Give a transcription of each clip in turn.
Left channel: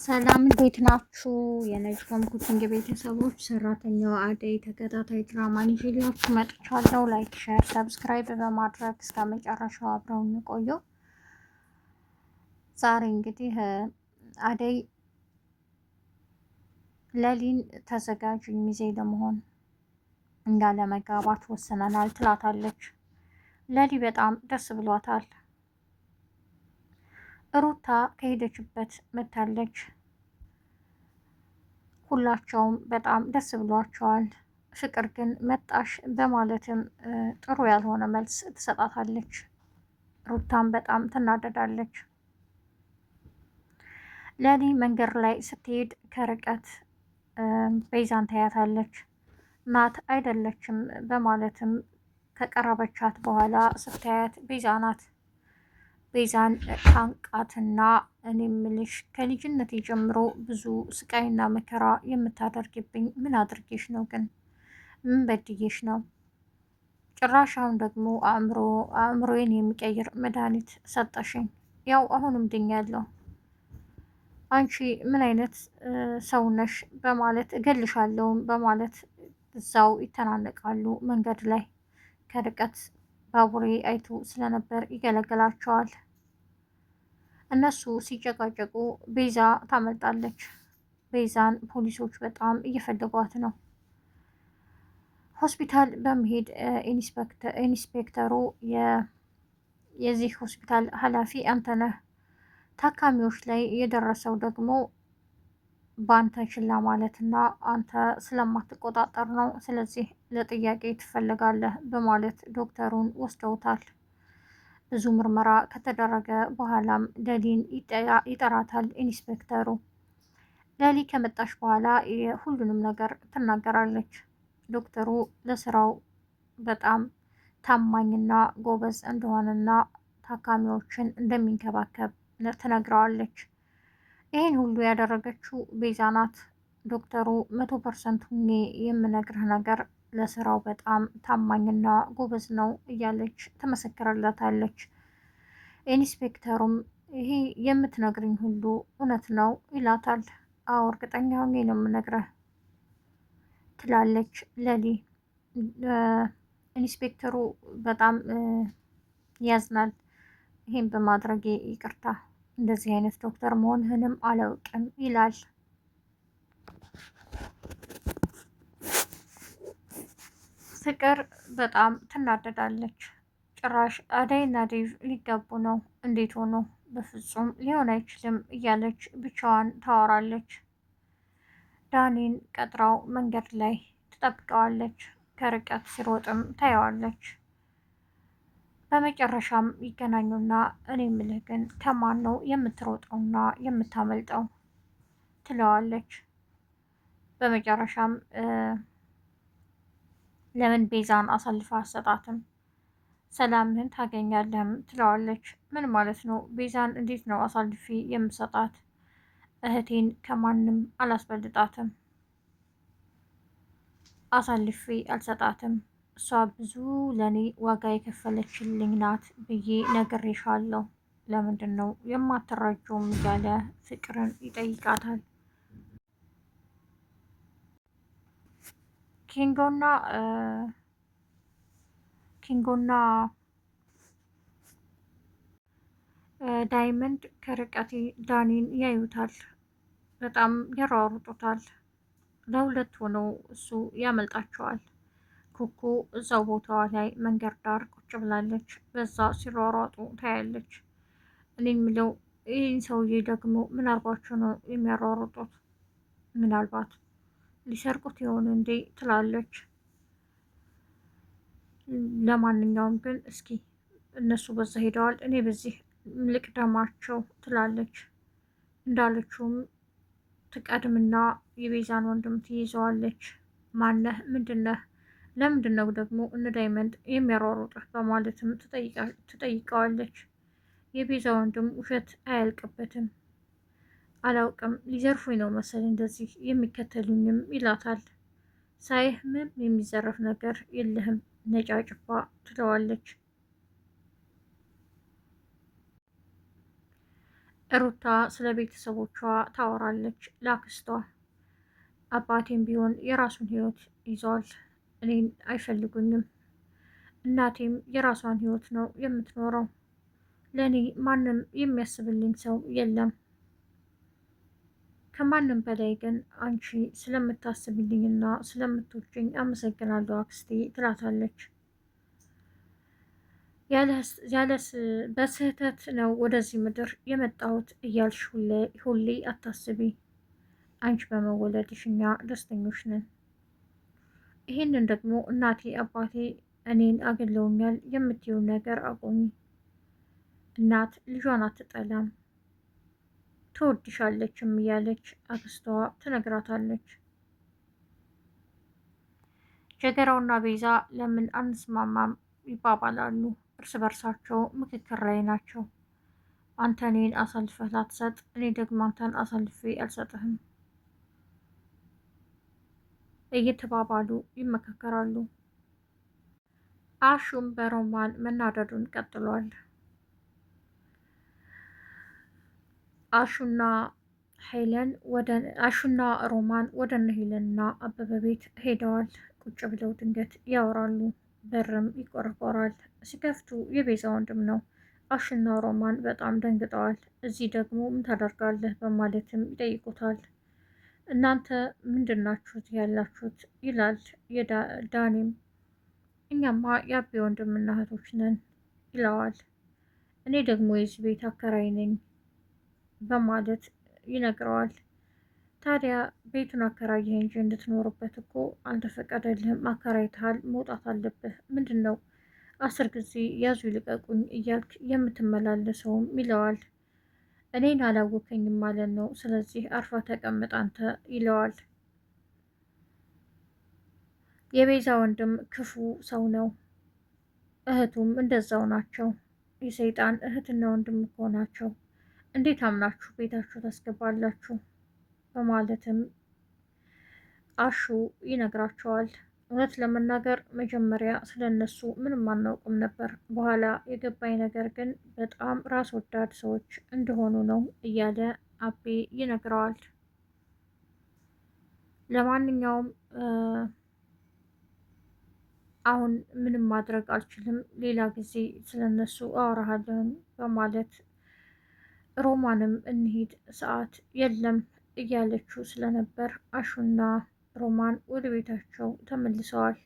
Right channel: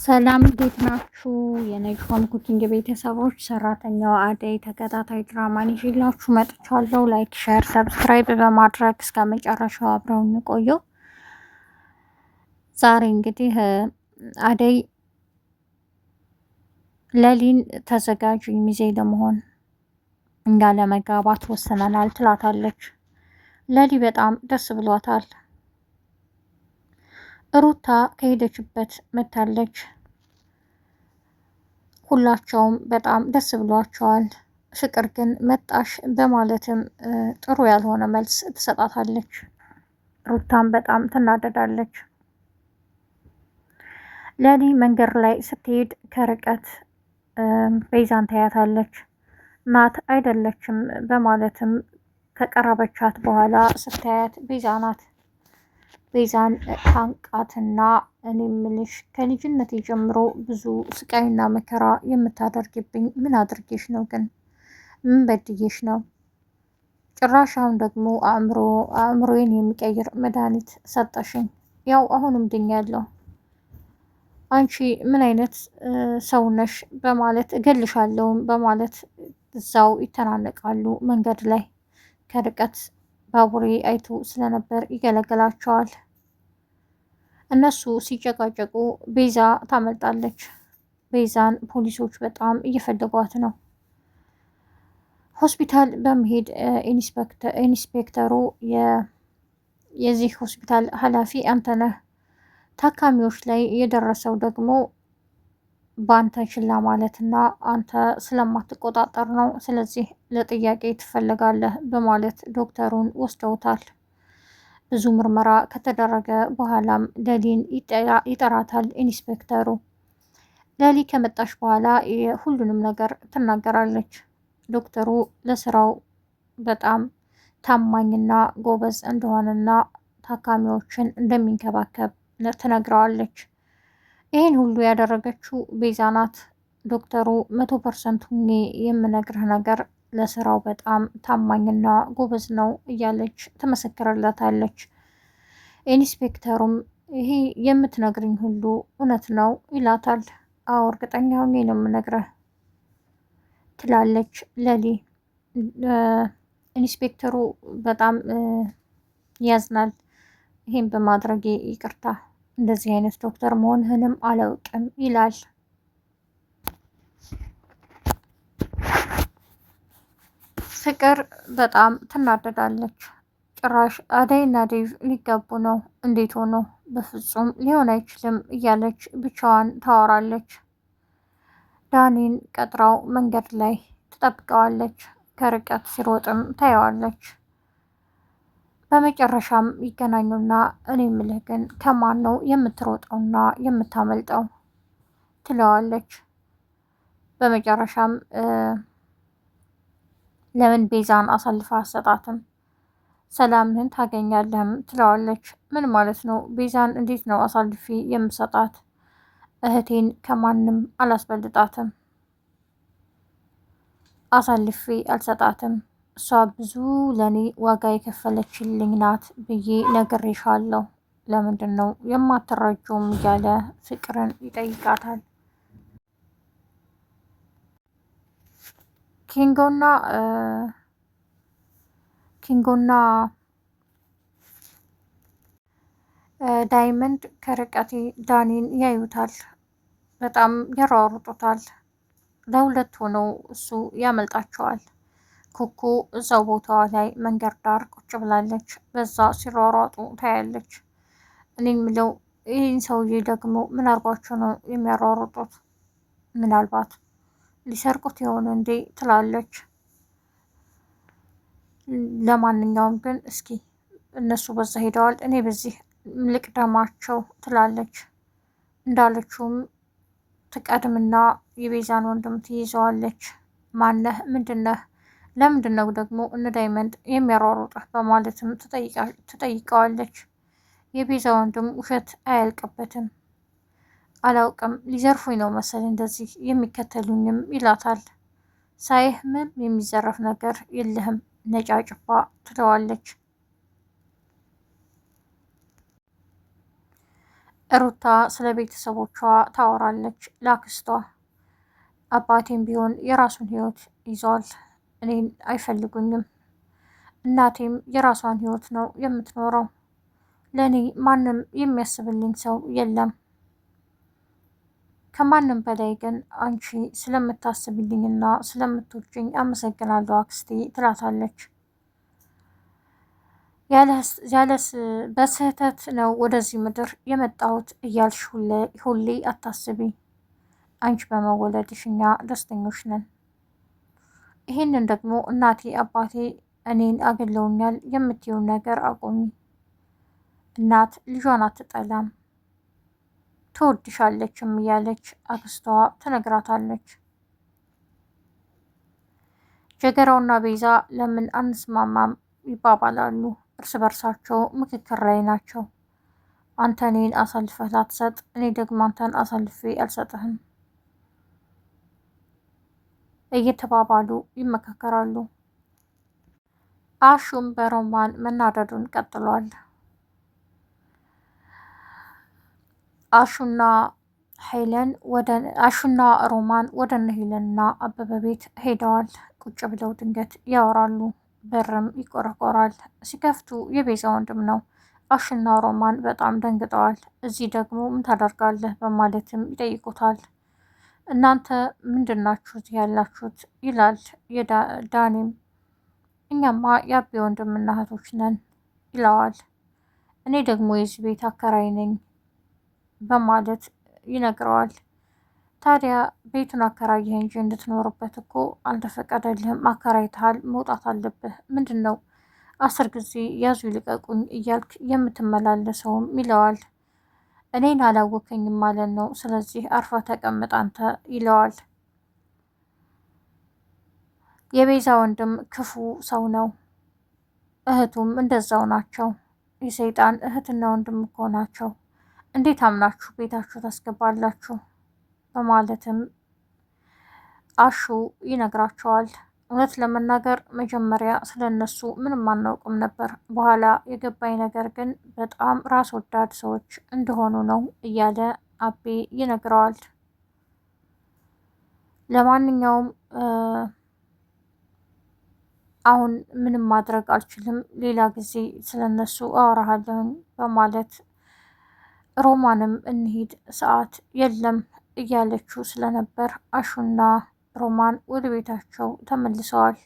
ሰላም እንዴት ናችሁ? የነጅሆም ኩኪንግ ቤተሰቦች ሰራተኛዋ አደይ ተከታታይ ድራማን ይዤላችሁ መጥቻለሁ። ላይክ፣ ሼር፣ ሰብስክራይብ በማድረግ እስከ መጨረሻው አብረውን ቆዩ። ዛሬ እንግዲህ አደይ ለሊን ተዘጋጅ ሚዜ ለመሆን እኛ ለመጋባት ወስነናል ትላታለች። ለሊ በጣም ደስ ብሏታል። ሩታ ከሄደችበት መታለች። ሁላቸውም በጣም ደስ ብሏቸዋል። ፍቅር ግን መጣሽ በማለትም ጥሩ ያልሆነ መልስ ትሰጣታለች። ሩታም በጣም ትናደዳለች። ለሊ መንገድ ላይ ስትሄድ ከርቀት ቤዛን ታያታለች። ናት አይደለችም በማለትም ከቀረበቻት በኋላ ስታያት ቤዛ ናት። ቤዛን ታንቃትና እኔ ምልሽ ከልጅነት ጀምሮ ብዙ ስቃይና መከራ የምታደርግብኝ ምን አድርጌሽ ነው? ግን ምን በድዬሽ ነው? ጭራሽ አሁን ደግሞ አእምሮዬን የሚቀይር መድኃኒት ሰጠሽኝ። ያው አሁንም ድኛለሁ። አንቺ ምን አይነት ሰው ነሽ? በማለት እገልሻለሁም በማለት እዛው ይተናነቃሉ። መንገድ ላይ ከርቀት ባቡሬ አይቶ ስለነበር ይገለግላቸዋል። እነሱ ሲጨቃጨቁ ቤዛ ታመልጣለች። ቤዛን ፖሊሶች በጣም እየፈለጓት ነው። ሆስፒታል በመሄድ ኢንስፔክተሩ የዚህ ሆስፒታል ኃላፊ አንተ ነህ፣ ታካሚዎች ላይ የደረሰው ደግሞ በአንተ ችላ ማለትና አንተ ስለማትቆጣጠር ነው፣ ስለዚህ ለጥያቄ ትፈለጋለህ በማለት ዶክተሩን ወስደውታል። ብዙ ምርመራ ከተደረገ በኋላም ለሊን ይጠራታል ኢንስፔክተሩ። ለሊ ከመጣች በኋላ ሁሉንም ነገር ትናገራለች። ዶክተሩ ለስራው በጣም ታማኝና ጎበዝ እንደሆነና ታካሚዎችን እንደሚንከባከብ ትነግረዋለች። ይህን ሁሉ ያደረገችው ቤዛ ናት። ዶክተሩ 100% ሁኜ የምነግርህ ነገር ለስራው በጣም ታማኝና ጎበዝ ነው እያለች ትመሰክርለታለች። ኢንስፔክተሩም ይሄ የምትነግርኝ ሁሉ እውነት ነው ይላታል። አዎ እርግጠኛ ሆኜ ነው የምነግርህ ትላለች ለሊ። ኢንስፔክተሩ በጣም ያዝናል። ይሄን በማድረጌ ይቅርታ፣ እንደዚህ አይነት ዶክተር መሆንህንም አላውቅም ይላል። ፍቅር በጣም ትናደዳለች። ጭራሽ አደይና ዴቭ ሊጋቡ ነው፣ እንዴት ሆኖ? በፍጹም ሊሆን አይችልም እያለች ብቻዋን ታወራለች። ዳኒን ቀጥራው መንገድ ላይ ትጠብቀዋለች። ከርቀት ሲሮጥም ታየዋለች። በመጨረሻም ይገናኙና እኔ ምልህ ግን ከማን ነው የምትሮጠውና የምታመልጠው? ትለዋለች። በመጨረሻም ለምን ቤዛን አሳልፋ አሰጣትም? ሰላምህን ታገኛለህም ትለዋለች። ምን ማለት ነው? ቤዛን እንዴት ነው አሳልፊ የምሰጣት? እህቴን ከማንም አላስበልጣትም፣ አሳልፌ አልሰጣትም። እሷ ብዙ ለኔ ዋጋ የከፈለችልኝ ናት ብዬ ነግሬሻለሁ። ለምንድን ነው የማትረጁም? እያለ ፍቅርን ይጠይቃታል። ኪንጎና ዳይመንድ ከርቀት ዳኒን ያዩታል። በጣም ያሯሩጡታል። ለሁለት ሆነው እሱ ያመልጣቸዋል። ኩኩ እዛው ቦታዋ ላይ መንገድ ዳር ቁጭ ብላለች። በዛ ሲሯሯጡ ታያለች። እኔ የምለው ይህን ሰውዬ ደግሞ ምን አርጓቸው ነው የሚያሯሩጡት? ምናልባት ሊሰርቁት የሆነ እንዴ ትላለች። ለማንኛውም ግን እስኪ እነሱ በዛ ሄደዋል፣ እኔ በዚህ ልቅደማቸው ትላለች። እንዳለችውም ትቀድምና የቤዛን ወንድም ትይዘዋለች። ማነህ? ምንድነህ? ለምንድን ነው ደግሞ እነ ዳይመንድ የሚያሯሩጥህ? በማለትም ትጠይቀዋለች። የቤዛ ወንድም ውሸት አያልቅበትም። አላውቅም፣ ሊዘርፉኝ ነው መሰል እንደዚህ የሚከተሉኝም ይላታል። ሳይህ ምን የሚዘረፍ ነገር የለህም ነጫጭባ ትለዋለች። ሩታ ስለ ቤተሰቦቿ ታወራለች ለአክስቷ። አባቴም ቢሆን የራሱን ህይወት ይዟል፣ እኔን አይፈልጉኝም። እናቴም የራሷን ህይወት ነው የምትኖረው። ለእኔ ማንም የሚያስብልኝ ሰው የለም። ከማንም በላይ ግን አንቺ ስለምታስብልኝና ስለምትወጂኝ አመሰግናለሁ አክስቴ ትላታለች። ያለስ በስህተት ነው ወደዚህ ምድር የመጣሁት እያልሽ ሁሌ አታስቢ። አንቺ በመወለድሽ እኛ ደስተኞች ነን። ይህንን ደግሞ እናቴ አባቴ እኔን አገለውኛል የምትይውን ነገር አቁሚ። እናት ልጇን አትጠላም ትወድሻለችም እያለች አክስቷ ትነግራታለች። ጀገራውና ቤዛ ለምን አንስማማም ይባባላሉ። እርስ በርሳቸው ምክክር ላይ ናቸው። አንተ እኔን አሳልፈህ ላትሰጥ፣ እኔ ደግሞ አንተን አሳልፌ አልሰጥህም እየተባባሉ ይመካከራሉ። አሹም በሮማን መናደዱን ቀጥሏል። አሹና ሮማን ወደ እነ ሄለንና አበበ ቤት ሄደዋል። ቁጭ ብለው ድንገት ያወራሉ። በርም ይቆረቆራል። ሲከፍቱ የቤዛ ወንድም ነው። አሹና ሮማን በጣም ደንግጠዋል። እዚህ ደግሞ ምን ታደርጋለህ በማለትም ይጠይቁታል። እናንተ ምንድናችሁት ያላችሁት ይላል ዳኒም። እኛማ የአቤ ወንድምና እህቶች ነን ይለዋል። እኔ ደግሞ የዚህ ቤት አከራይ ነኝ በማለት ይነግረዋል። ታዲያ ቤቱን አከራየህ እንጂ እንድትኖርበት እኮ አልተፈቀደልህም፣ አከራይተሃል፣ መውጣት አለብህ። ምንድን ነው 10 ጊዜ ያዙ ይልቀቁኝ እያልክ የምትመላለሰውም ይለዋል። እኔን አላወከኝም ማለት ነው፣ ስለዚህ አርፋ ተቀምጥ አንተ ይለዋል። የቤዛ ወንድም ክፉ ሰው ነው፣ እህቱም እንደዛው ናቸው። የሰይጣን እህትና ወንድም እኮ ናቸው። እንዴት አምናችሁ ቤታችሁ ታስገባላችሁ? በማለትም አሹ ይነግራቸዋል። እውነት ለመናገር መጀመሪያ ስለነሱ ምንም አናውቅም ነበር። በኋላ የገባኝ ነገር ግን በጣም ራስ ወዳድ ሰዎች እንደሆኑ ነው እያለ አቤ ይነግረዋል። ለማንኛውም አሁን ምንም ማድረግ አልችልም፣ ሌላ ጊዜ ስለነሱ አወራሃለሁ በማለት ሮማንም እንሂድ ሰዓት የለም እያለችው ስለነበር አሹና ሮማን ወደ ቤታቸው ተመልሰዋል።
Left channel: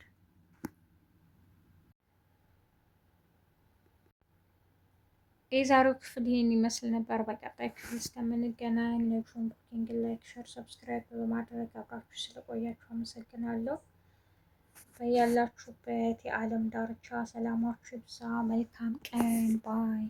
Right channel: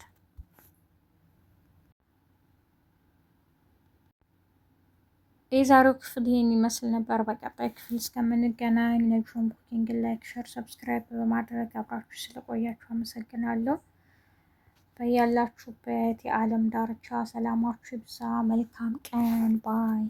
የዛሬው ክፍል ይህን ይመስል ነበር። በቀጣይ ክፍል እስከምንገናኝ ነጁን ቡኪንግ ላይክ፣ ሸር፣ ሰብስክራይብ በማድረግ አብራችሁ ስለቆያችሁ አመሰግናለሁ። በያላችሁበት የዓለም ዳርቻ ሰላማችሁ ይብዛ። መልካም ቀን ባይ